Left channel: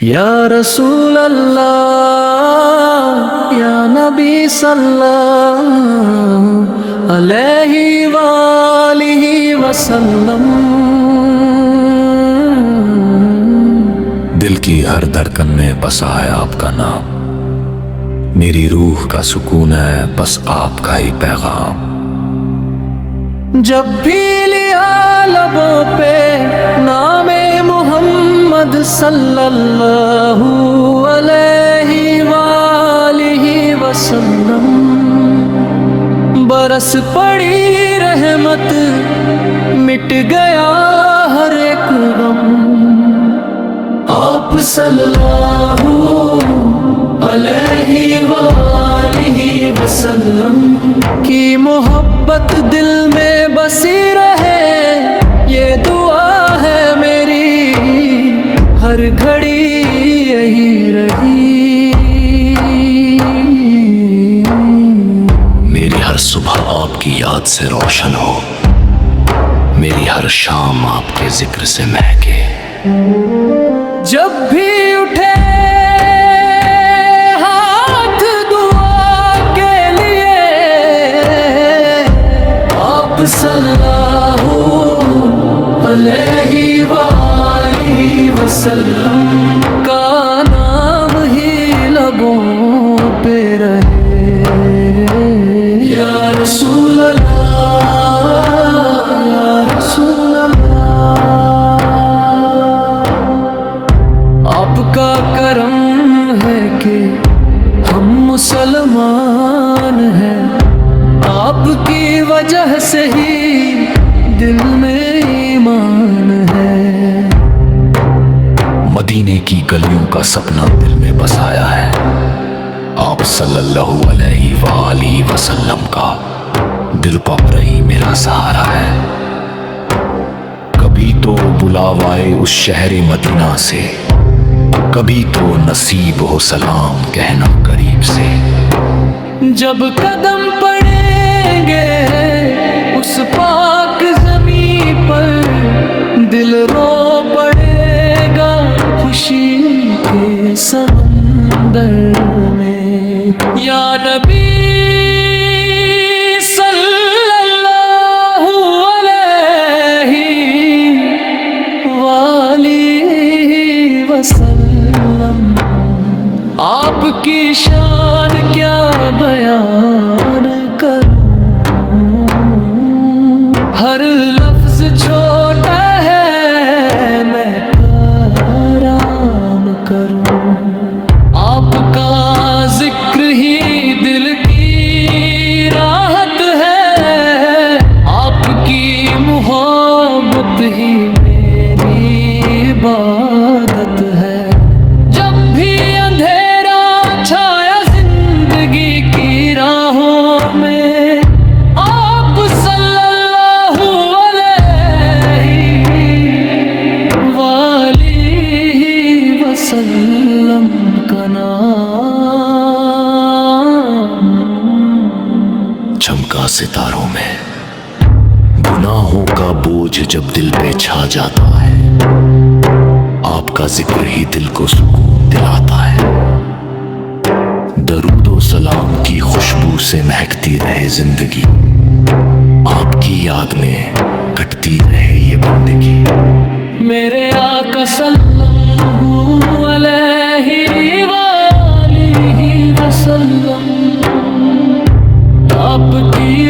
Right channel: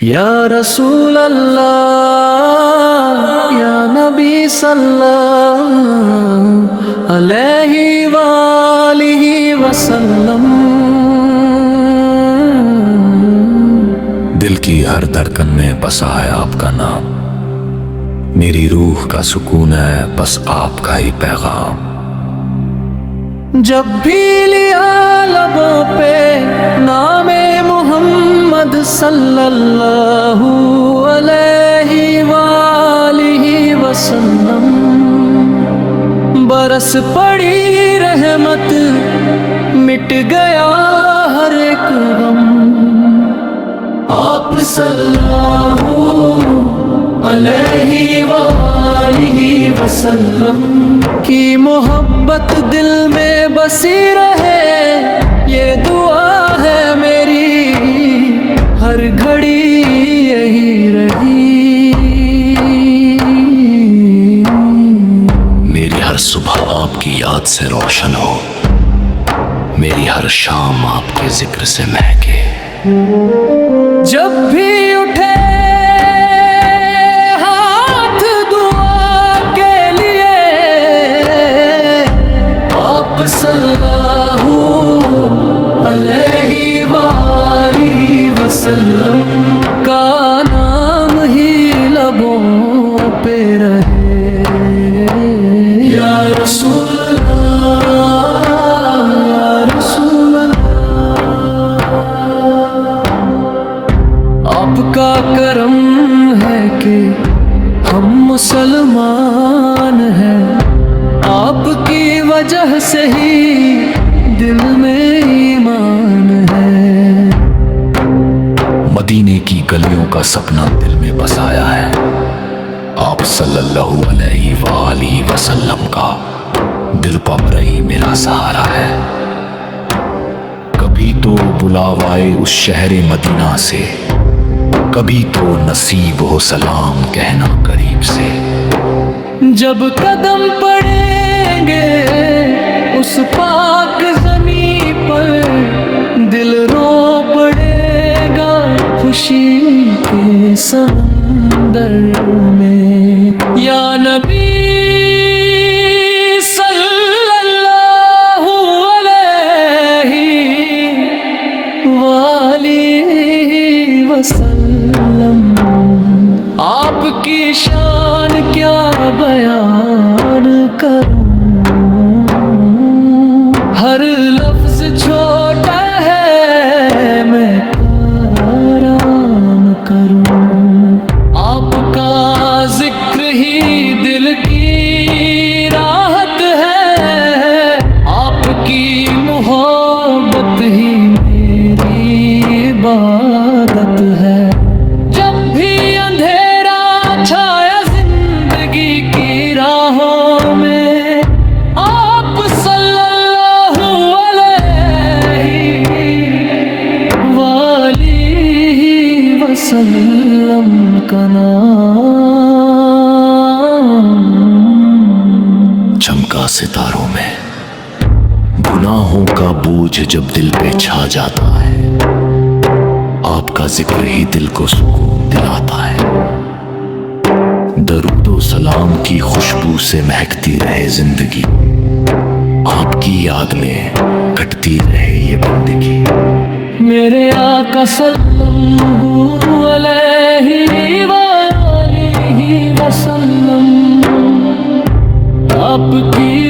یا رسول اللہ یا نبی صلی اللہ علیہ وآلہ وسلم، دل کی ہر دھڑکن میں بسا ہے آپ کا نام، میری روح کا سکون ہے بس آپ کا ہی پیغام۔ جب بھی لیا لبوں پہ نام محمد صلی اللہ علیہ وآلہ وسلم، برس پڑی رحمت، مٹ گیا ہر ایک غم۔ آپ صلی اللہ علیہ وآلہ وسلم کی محبت دل میں بسی رہے، یہ دعا ہے میری ہر گھڑی یہی رہی۔ میری ہر صبح آپ کی یاد سے روشن ہو، میری ہر شام آپ کے ذکر سے مہکے۔ جب بھی اٹھے ہاتھ دعا کے لیے، آپ صلی اللہ علیہ وآلہ وسلم کا نام ہی لبوں پہ رہے۔ یا رسول اللہ یا رسول اللہ، آپ کا کرم ہے کہ ہم مسلمان ہیں، آپ کی وجہ سے ہی دل میں ایمان ہے۔ مدینے کی گلیوں کا سپنا دل میں بسایا ہے، آپ صلی اللہ علیہ وآلہ وسلم کا دل پمرہی میرا سہارا ہے۔ کبھی تو بلاوائے اس شہر مدینہ سے، کبھی تو نصیب ہو سلام کہنا قریب سے۔ جب قدم پڑیں گے اس پاک زمین پر، دل رو پڑے گا خوشی کے سمندر میں۔ یا نبی صلی اللہ علیہ وآلہ وسلم، آپ کی شان کیا بیان کروں، ہر لفظ چھوٹا ہے میں آرام کروں۔ آپ کا ذکر ہی دل کی راحت ہے، آپ کی محبت ہی میری عبادت ہے۔ جب بھی اندھیرا چھایا زندگی کی راہوں میں، آپ صلی اللہ علیہ وآلہ وسلم کا نام چمکا ستاروں میں گناہوں کا بوجھ جب دل پہ چھا جاتا ہے، آپ کا ذکر ہی دل کو سکون دلاتا ہے۔ درود و سلام کی خوشبو سے مہکتی رہے زندگی، آپ کی یاد میں کٹتی رہے یہ بندگی۔ میرے آقا صلی اللہ علیہ وآلہ وسلم، آپ کی